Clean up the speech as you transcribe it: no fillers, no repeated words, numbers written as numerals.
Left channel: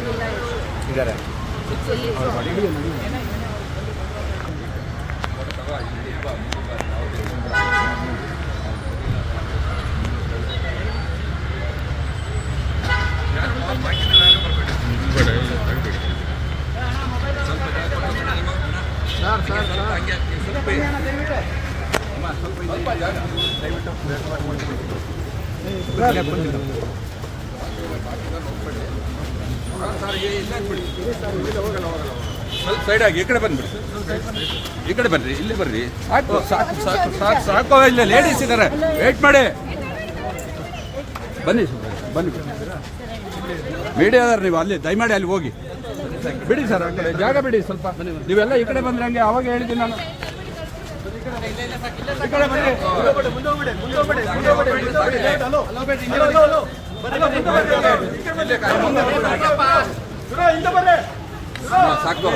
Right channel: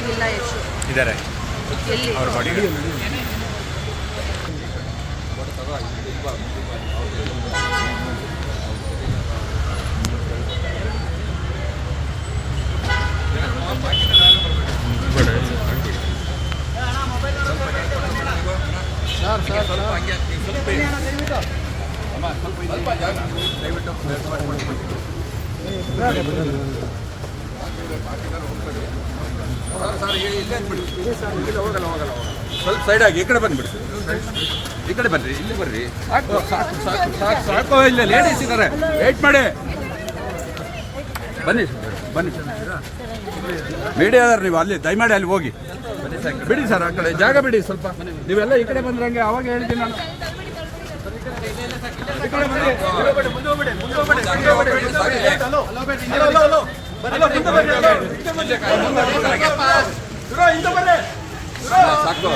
ಹುಷಾರಾಗಿಲ್ಲ ಯಶು ಇದ್ದಾರೆ ಅವ್ರ ಬಾಡಿ ಸ್ವಲ್ಪ ಸೈಡ್ ಆಗಿ ಈ ಕಡೆ ಬಂದ್ಬಿಡಿ, ಈ ಕಡೆ ಬನ್ರಿ, ಇಲ್ಲಿ ಬರ್ರಿ. ಸಾಕು ಸಾಕು ಸಾಕು ಸಾಕು ಸಾಕು, ಇಲ್ಲ ಲೇಡೀಸ್ ಇದ್ದಾರೆ, ವೇಟ್ ಮಾಡಿ. ಬನ್ನಿ ಬನ್ನಿ, ಮೀಡಿಯಾದವ್ರು ನೀವು ಅಲ್ಲಿ ದಯಮಾಡಿ ಅಲ್ಲಿ ಹೋಗಿ ಬಿಡಿ ಸರ್, ಆ ಕಡೆ ಜಾಗ ಬಿಡಿ ಸ್ವಲ್ಪ. ನೀವೆಲ್ಲ ಈ ಕಡೆ ಬಂದ್ರೆ ಹಂಗೆ ಅವಾಗ ಹೇಳಿದ್ದೀನಿ ನಾನು. ಸಾಕು